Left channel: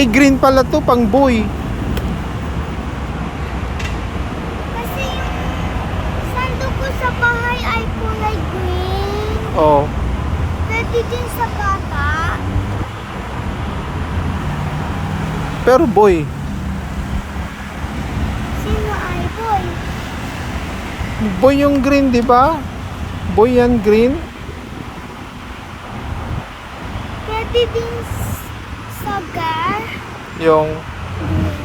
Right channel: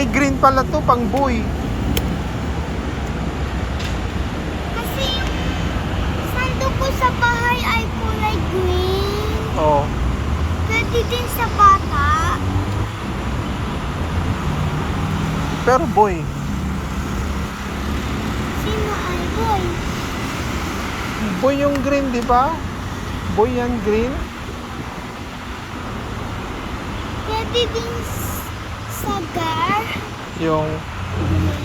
Ay, green pala to, pang boy. Kasi yung sando ko sa bahay ay kulay green. Oh. Pwede din sa bata. Pero boy. Sino ay boy? Boy yung green, di ba? Boy yan green. Pwede din sa girl. Yung,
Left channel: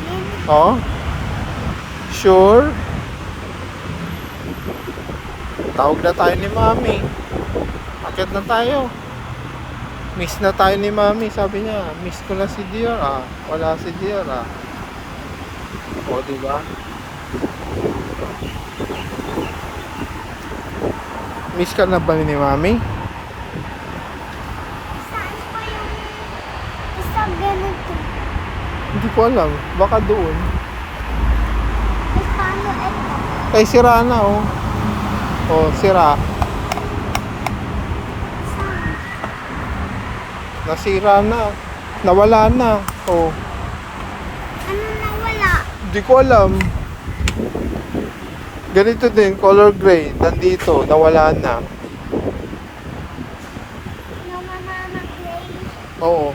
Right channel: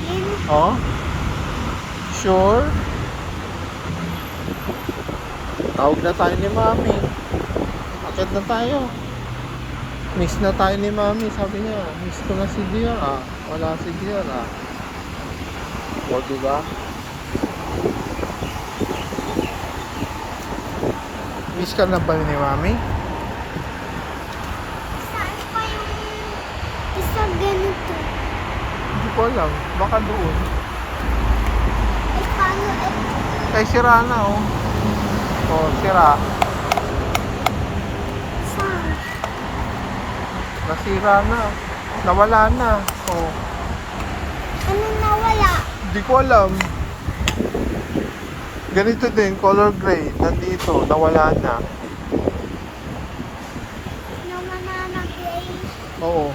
Green. oh. Sure. Tawag na tayo ni Mami. Akit na tayo. Miss na tayo ni Mami, sabi niya. Miss ko na si Dior, ah. Wala si Dior, ah. O, diba? Miss ka na ba ni Mami? Saan pa yung isa ganito? Hindi ko alam. Baka doon. Ay, paano ito? Ay, sira na, oh. Oh, sira. Saan? Nasira na. Nawala na. Oh. Ano nawala? Hindi ko alam. Ganito din, color gray. Nandito, nawala na. Nawala na gray. Oo.